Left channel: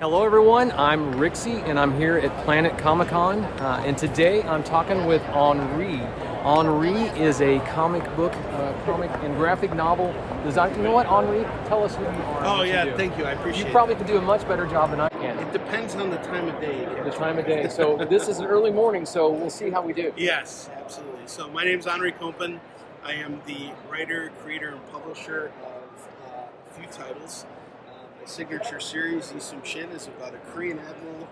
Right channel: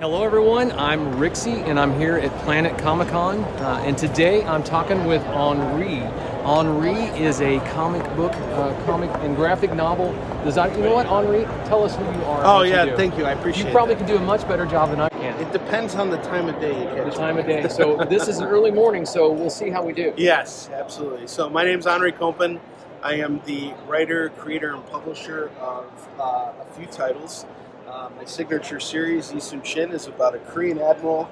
Hello everyone, I'm Rixie and I'm here at Planet Comicon and today I'm talking with Onrie. Onrie is a comic book, comic and graphic novel designer. You know what, Onrie? Tell us who you are. Oh what yeah, you do. thank you. I appreciate it. You probably could do a much better job than I can. It depends on the time of day. The time of day. So this is an early morning, so we'll see how we do. Yes, absolutely. So my name is Onrie Kompan. I am the writer, creator, and publisher of a few titles. My signature series, Yi Soon Shin, is about a Korean admiral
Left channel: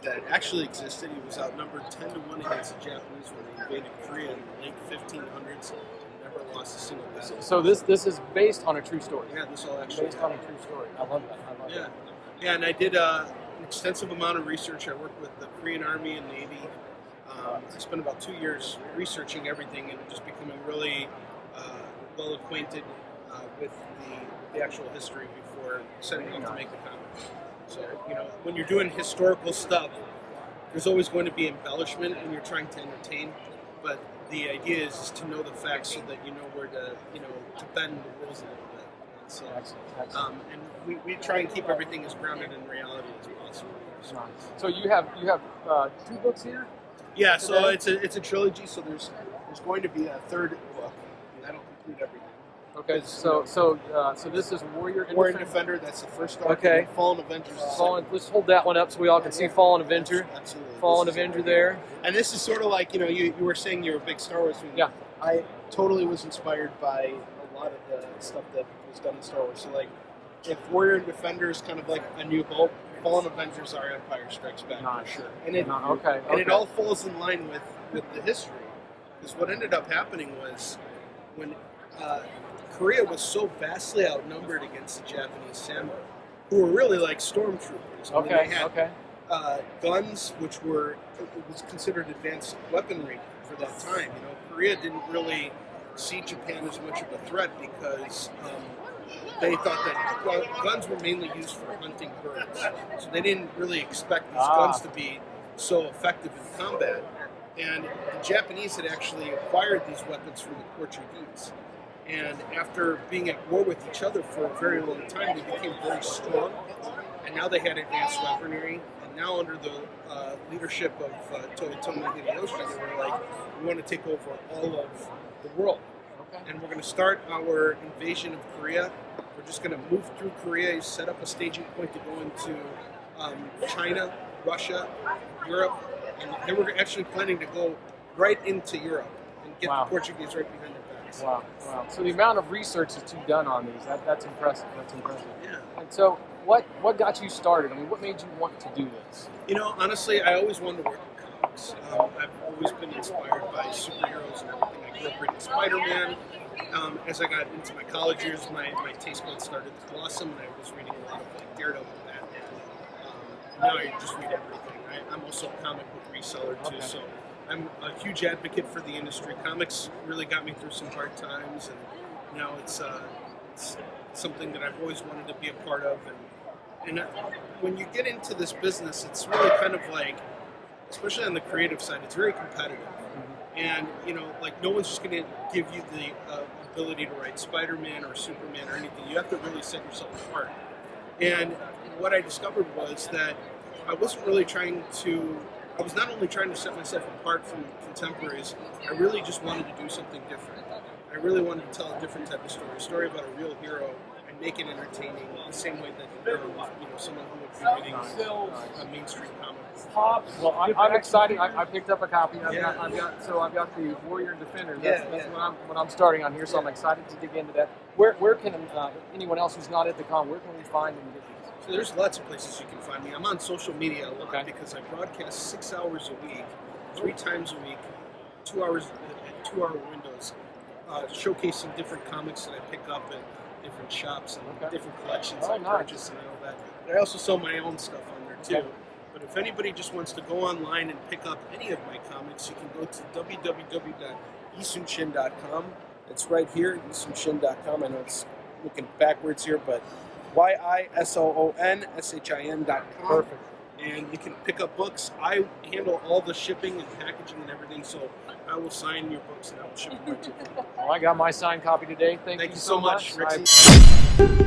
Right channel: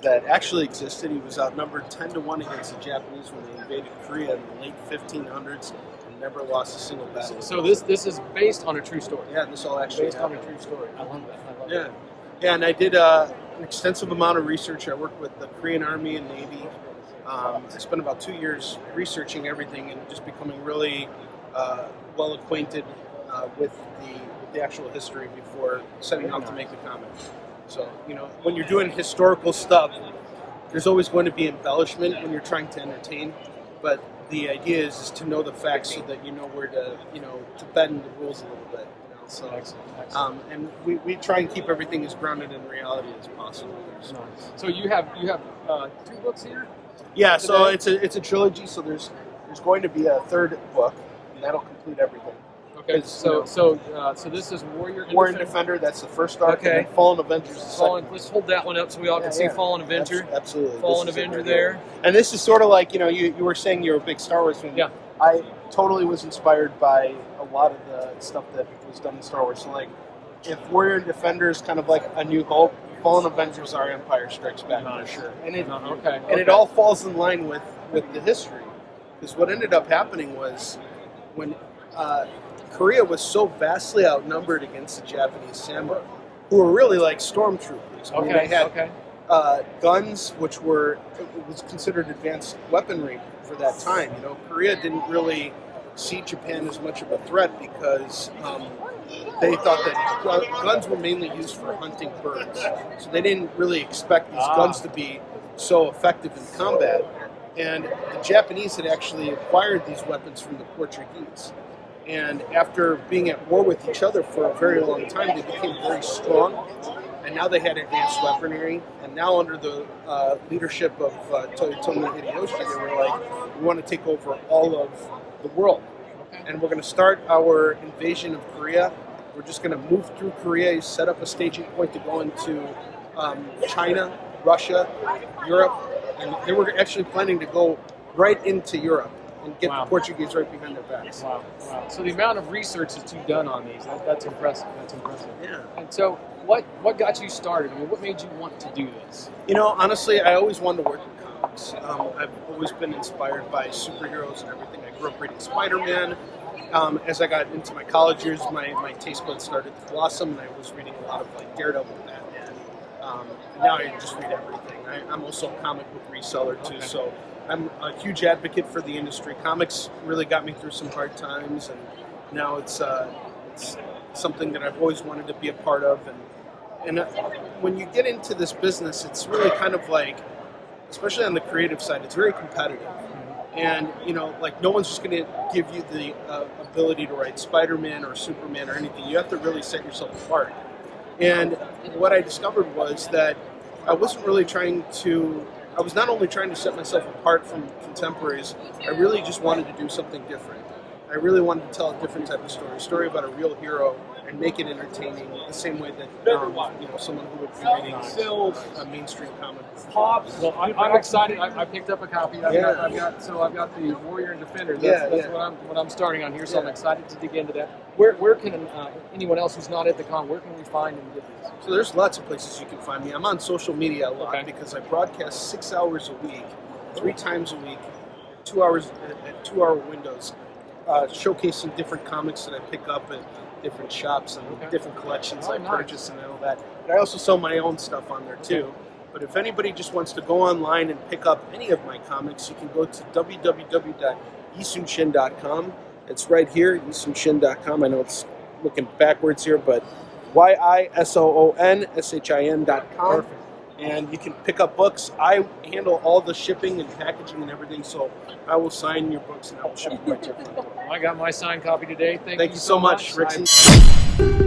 that actually existed. He was outnumbered 10-1 against the Japanese when they invaded Korea in the late 1500s and never lost a single battle. So this is based on a true story. Yeah, this all actually based on a true story. I love that. I love that. Yeah, and I did an extensive amount of research. I worked with the Korean Army and Navy. I spent about 2 years researching everything and just becoming really well acquainted with the actual history before setting out to make the comic. So, you know, when you're doing historical stuff, there's always going to be embellishment when you're trying to entertain, but the idea is to know the facts so that you know where to, to bend the rules a little bit. So, excellent. And we try and keep everything as grounded in reality as possible. Nice. So you have 2 books here? Yeah, today? so it's a trilogy. So there's going to be a third book, and that'll complete everything. Okay. So this is Warrior and Defender. That's the first arc. Okay. And Fallen Avengers. Let's hold that one up so we all can see Fallen Avenger. Absolutely. Fallen Avenger there. And this is sort of like, you were saying you're a big Star Wars fan. Yeah. I totally was inspired by a lot of the stuff that was done in Star Wars. So like, if Warrior and Defender is kind of like A New Hope, Fallen Avengers are Empire Strikes Back for sure. And it it all falls in line with the history. Because what ended up happening was when Korea was so vastly outnumbered against the Japanese samurai, who were really like stormtroopers. I mean, they had guns, which was considered advanced weaponry for that time. You know, Korea didn't really see Japan as much of a threat because they thought that guns were mainly used for hunting birds. So they didn't really expect these guns to be so effective in combat. And the Japanese had actually acquired these weapons from the Portuguese. And after being at war with each other for a very long time, they became very strong. And now they had advanced weaponry. And now under the leadership of Toyotomi Hideyoshi, they were like, we want to take over all of the world. And we're going to start our invasion of Korea. We're just going to move through Korea, set up a staging point to go into China, Russia, Europe. And they were actually planning to go right into Europe and get the Portuguese right behind their backs. Wow. So the amount of research that you've done on these, that's impressive. That's impressive. Yeah. And so what got you started? I mean, what made you want to do this? You know, honestly, I always wanted to work in comics. I've always been inspired by superheroes and everything. I grew up reading Spider-Man. As I got into my college years, my taste buds started to blossom, and I was reading a lot of like Daredevil and Batman. Now I just read everything. I'm also a comic book reseller too, so I'm a huge advocate for the industry. Comics really got me through some hard times, and now it's something that I've always wanted to be a part of. And when you get into this business, it's really kind of like, especially on the creative side, it's very competitive. And, like no one's just going to give you the ability to write Spider-Man or Superman or anything. You have to really set yourself apart. And what I discovered was that I was not only trying to set myself apart from contemporaries, I really just wanted to do something different. I really wanted to tell a different type of story, a story about a real hero, and make it entertaining the same way that someone who would be reading a mainstream comic book. Well, I'm excited. I picked up a copy. I've got the Warrior and Defender. That's what I'm starting on here. So I'm excited to dig into that. Where can anyone else who's not at the con, where can we find and get these? So there's lots of places you can find me. I'm on social media a lot because I broadcast 6 hours a week, 3 times a week, 2 hours at 2-hour windows, showcasing different comics that I pick up at different shops and different collections I purchase and all that. But I also sell my own stuff on there too. But if anybody just wants to go online and pick up any of my comics, you can go to www.yisoonshin.com. It's right here, yisoonshin.com. I know it's looking backwards here, but YISOONSHIN.com. Perfect. And you can pick up books. I handle all the shipping and packaging and everything, so I will sign your books and I will ship them right to you. Well, I got my signed copy today. Thank you so much, Rixie.